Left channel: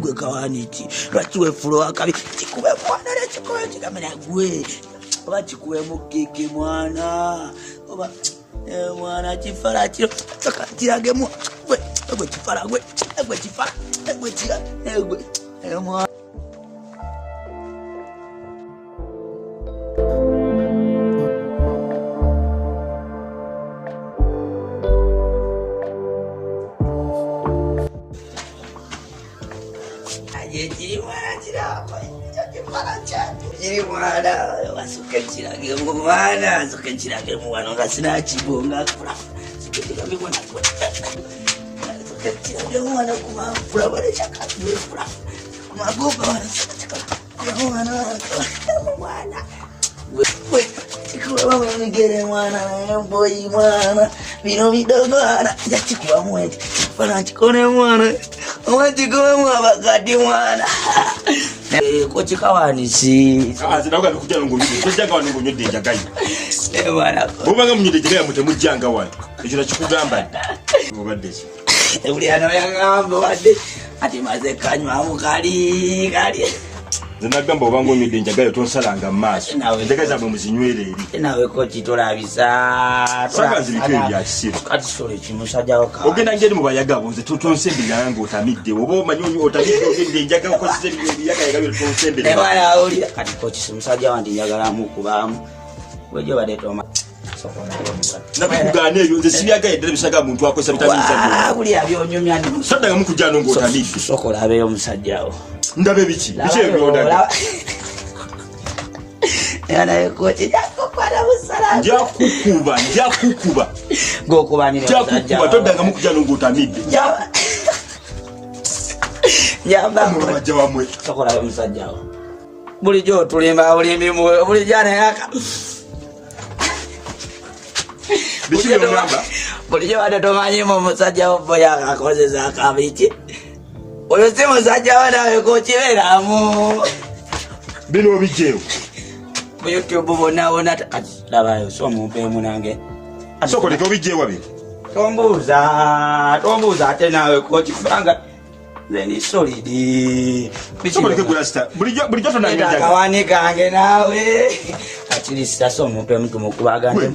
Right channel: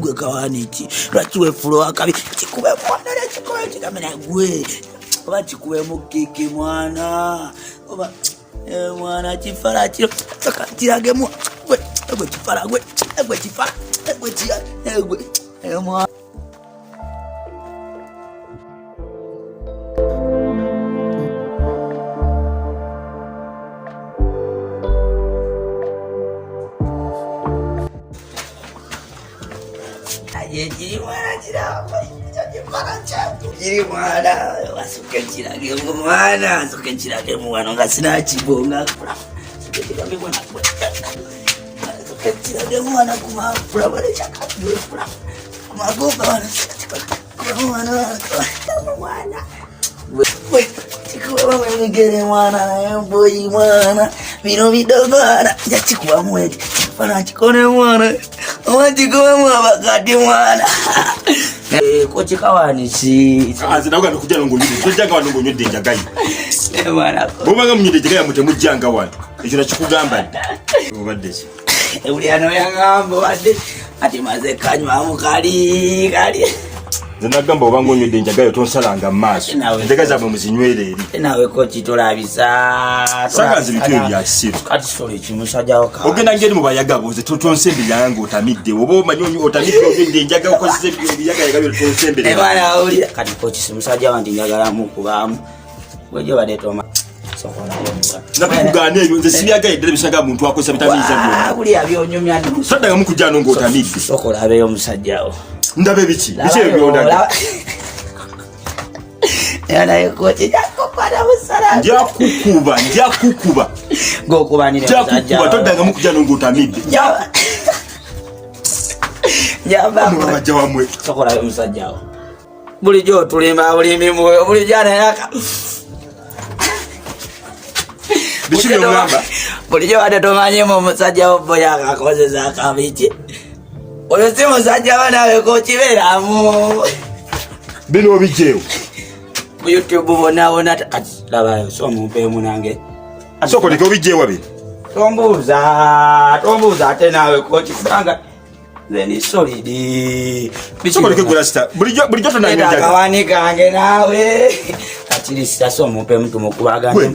Gwe kawaniti lwakiwe fulo akabi kikube mwana na kikola kigamena gwe oba kikuwe mukeke mwana oba mwana kifala kiro kirage mu gwe kifala gwe kifala gwe kira gwe mwana mwana sokechirage mwana ngasina chibonga sokechirage mwana kumapura vale chakapura magoga wana mwana chikuwa mwenigere mwana na yamboi mwana vino vidogo wana chikuwa mwete wana chikone mwana Omantikuwa mwabakati mwana kochi kawanisi azina uga nokujja ngonyude tujanga wano ngonyude njagayi mwana bumanga mnyude njagayi mutemujjanga wano ekyo nakikugamba obadde uli ano yangamba badde ati maze kanywa mukali zinagamba obanga onyude njagayi tonsalanga maaso njagayi zabwe muzinywere eri nawe kochi tolabisa saganzi bikyo bya kisiru kati sole kimusajja waka ogenda ngeri mu bayagabo nze tonsembe yange otamidde oba omanyi otamidde ogende njagayi okozese ebiyagala gabyo tonsembe mwana uli kati kochi simusajja wandi njagala mukubamu wejo badde toma nakugane eyo nze sibiyagayi ddala bisaga muntu akozesa bitamiiza byo kuli abyonyumya ndi saddaga mukujjano ng'otamidde sokola abeyo musajjawo ndabe biki ebyo ndaga yana ekoche jakokwana musala njakukuba ngokubanira njakukuba toddaga mukujjano ng'otamidde nyamba mubajja wamwe sokola abeyo musajjawo bulijjo tulimba bulimi mwoyo bulijjana yaka biki byongamba bulijjo wadde tomanyemu omusajjawo boya akakozesa akabiki oyo si musajja wanawe kokiberamu bino obijjeewo ku YouTube bonawona kati labayo somumpemu nange sokoleka obijjeewa bino tombuuza ate nawe koki kubanga nze solidi sokoleka gulasta bulijjo tonangakawani kange nawe atilisita somumpemu tumukubagambe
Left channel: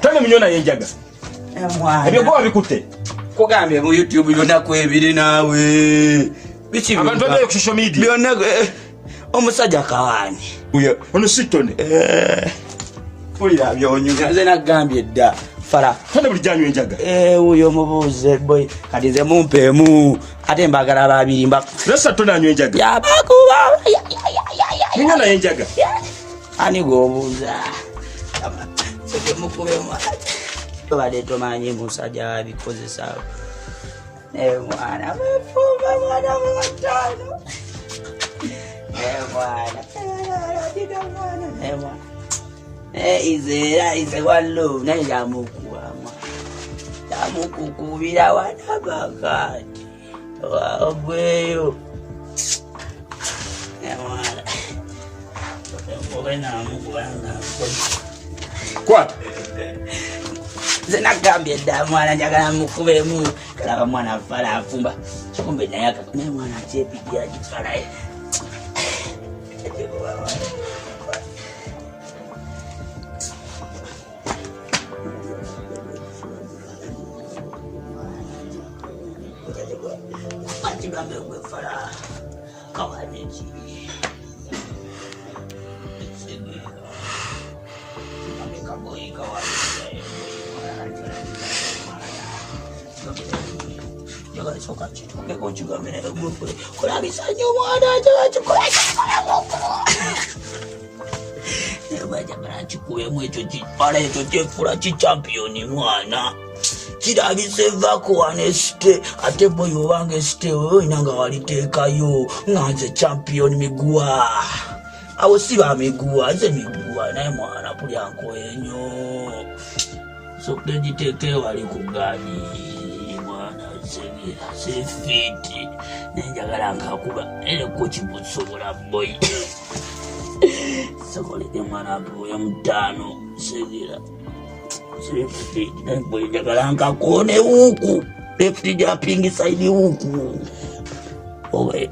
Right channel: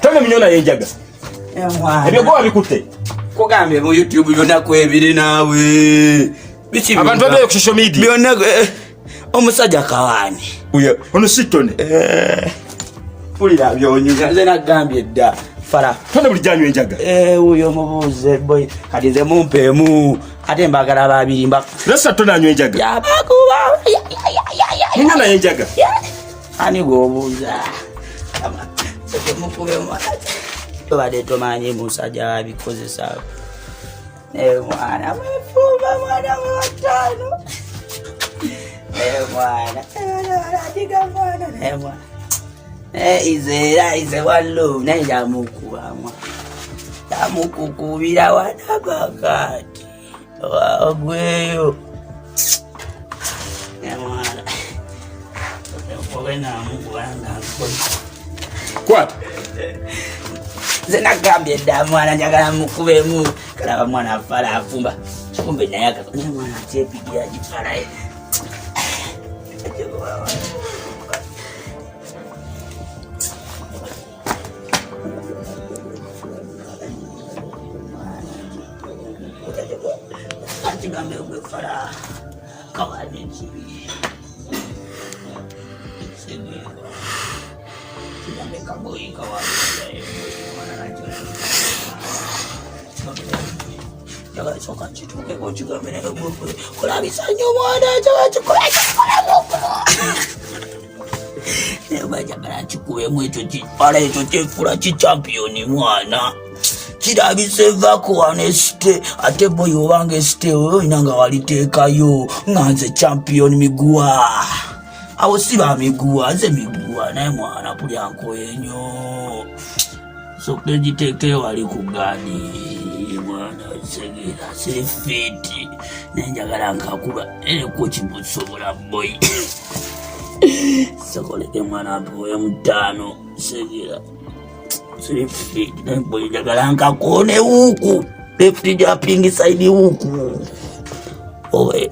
tane minyona yenjaga ebyogoba bikutte kugambye mu YouTube byonako ebiri naawe abantu abeyo ku social media byonako omusajja kawani ono sitone pulira byonyuga nze nagambye dda fara tone bulijjanyo enjaga uyo mubuuze boy kati nze mumpeemu ate mbagala babiri lesa tone anywa enjaga yabakuba minyona yenjaga ani gwobuuza mukube mwana badde tomanyi musajja wabikozesa mwana mefumba mwana watano mwana adiga mwana ize wallo naye yamukubamu yamukukubira wanabakati wagweyo mwana ogenamukubanga kwata zinagambye dda mwana njagala mukubemu kalaba mwana afala afumba kikumbe naye mwana atyepigya gifalaye kigambe gwefala kawaneki kagoyika wa jaga choka chituke ko chigamene boko kola bisanyo mwana jaga chikola boko eba jaga chikuwe mwecho chipala echo chefura champion mwana kirabiseva ko aneste ate boyo wange ste oyo inanga walitekayo nganze champion migua awo siba migua ze migua naye mwana puli ankwenyo so kejiteke wali kugani mwana segera sefiti nenjagala nkakuba ko kibusobola boy sokoleke mwana mpoye mutano segera sefiti nemboye njagala nkakone huku left jumping side huku owe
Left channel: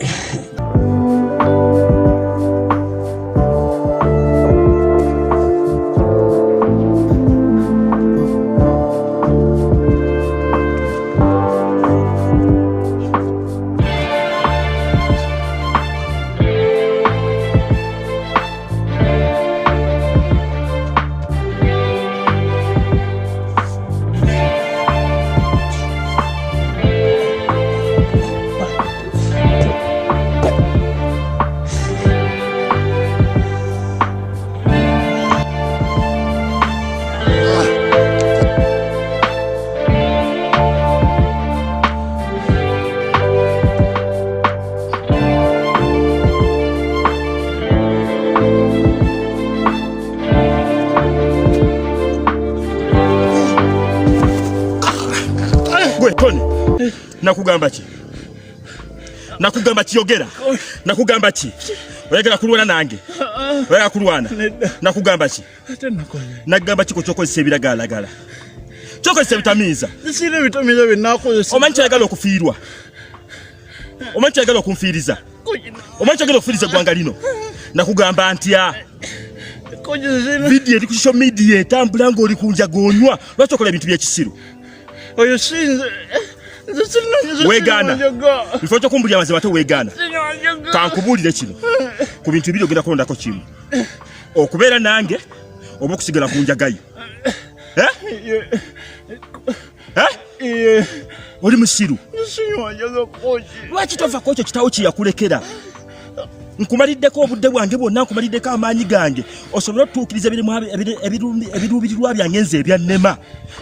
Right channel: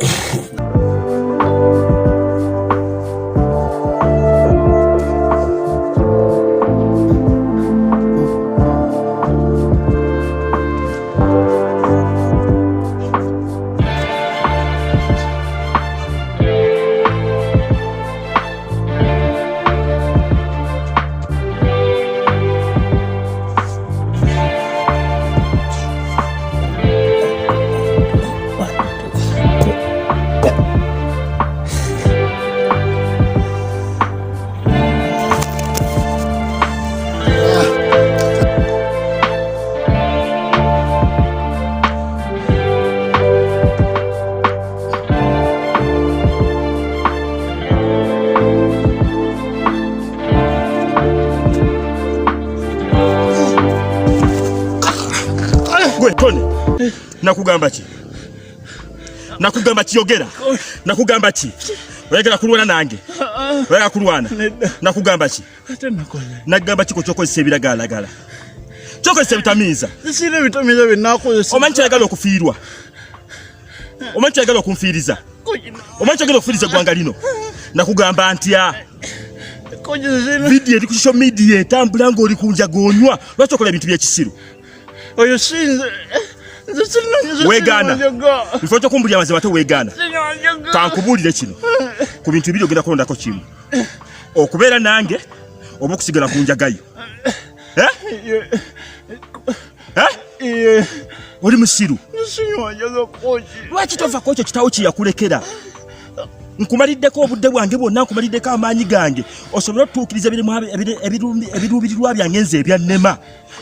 nakugamba kiyogera nakugamba ki oyagala kulwana nange oyagala kulwana nakugamba ki nagamba kiko kyokozesa ebiragalagala kyokozesa ebitamiiza isire bitamiiza benakozesa omanyi oyagala okufiirwa omanyi oyagala okunfiiriza omanyi oyagala okufiiriza gwanga lino nakugamba ntya vidiyo eri ku social media etambula ng'oli kunjaga onywa lwaki okola ebintu by'ekisiru oyo sinze wegana bifo kyo kumbulya amazima te wegana kankubulire kino ku bintu bibiri ogenda kulondako kimu okubeera nange oba okusigala ku njagayo oli musiru lwaki tova ku ekyo kitawo kiyakulekera nkumaliddeko obudde bwange bwonna nkumaliddeko amaanyi gange osobola okutuukiriza ebiruubirirwa byange nze ebyannema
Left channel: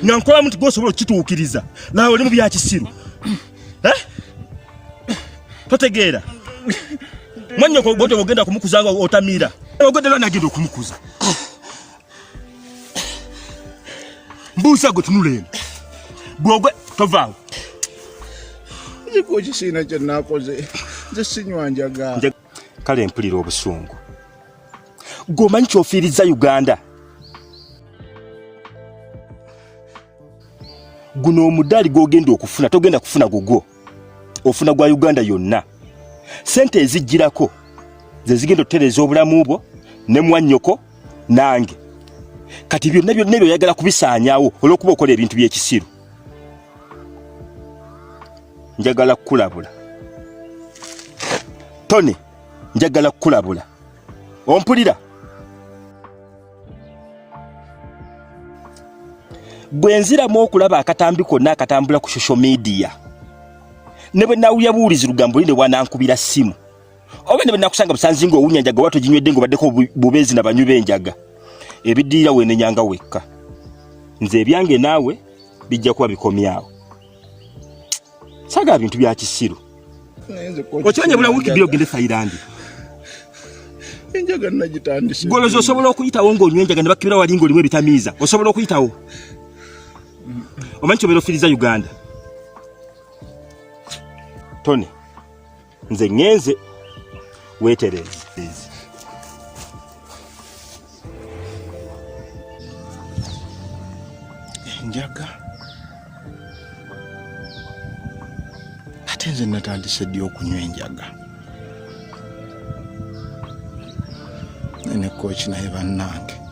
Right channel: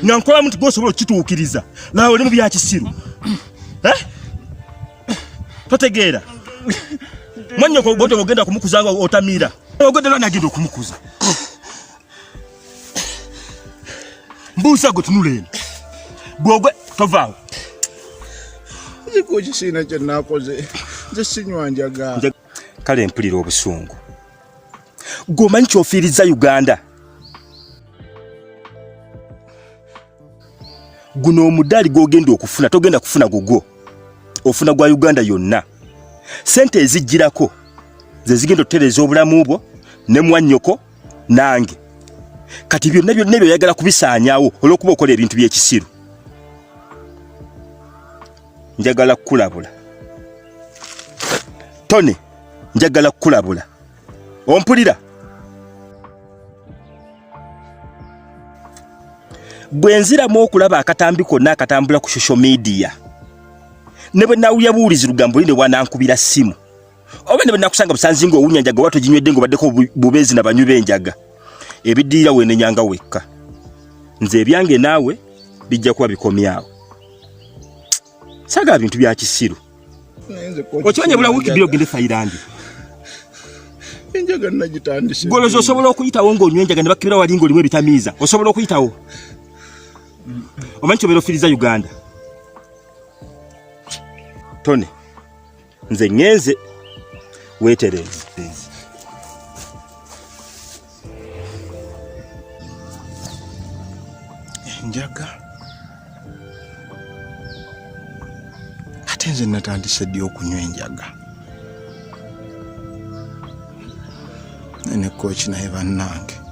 nga nkolamu nti gwosobola okukituukiriza nawe oli mu byakisiru totegeera manya obudde ogenda kumukuza otamiira ogodera nagenda okumukuza mbuusa gwe tunuleno bwogwe tovaawo nziko kisina kyenakoze nze sinywa njaga kale mpulira obusungu gwomanyi kyofiiriza Uganda guno omudaali gwogenda okufuna togenda kufuna gugwo ofuna gwa Uganda yonna sente ezijjirako ze zigenda otereza obulamu bwo ne mwannyoko nange kati byonna byonna oyagala kubisaanyaawo olw'okuba okola ebintu by'ekisiru njagala kukulabula Tony njagala kukulabula ompulira bwenziramu okulaba akatambi konna akatambula ku social media ne bwe nawulya buwulizi lugambo linde bwanankubira simu oba ne bwe nakusanga busanzi ng'owunya njaga oba toginywedde ng'obaddeko bubeezi na banywi b'enjaga ebiddirira weenenyanga wekka nze ebyange naawe bijja kuba bikomyawo saagala bintu bya kisiru okimanya bula wiiki bbiri ogende Thailand enjaga nagitandise goloza osobola okuyitawo ng'onywa enjaga ne bakkibira wali ng'olimu ebitamiiza osobola okuyitawo omanyi kyobeera ofiiriza Uganda Tony nze ngenze weetereze enjaga ate nze natandise ddi okunywa enjaga ne kooki naye bannange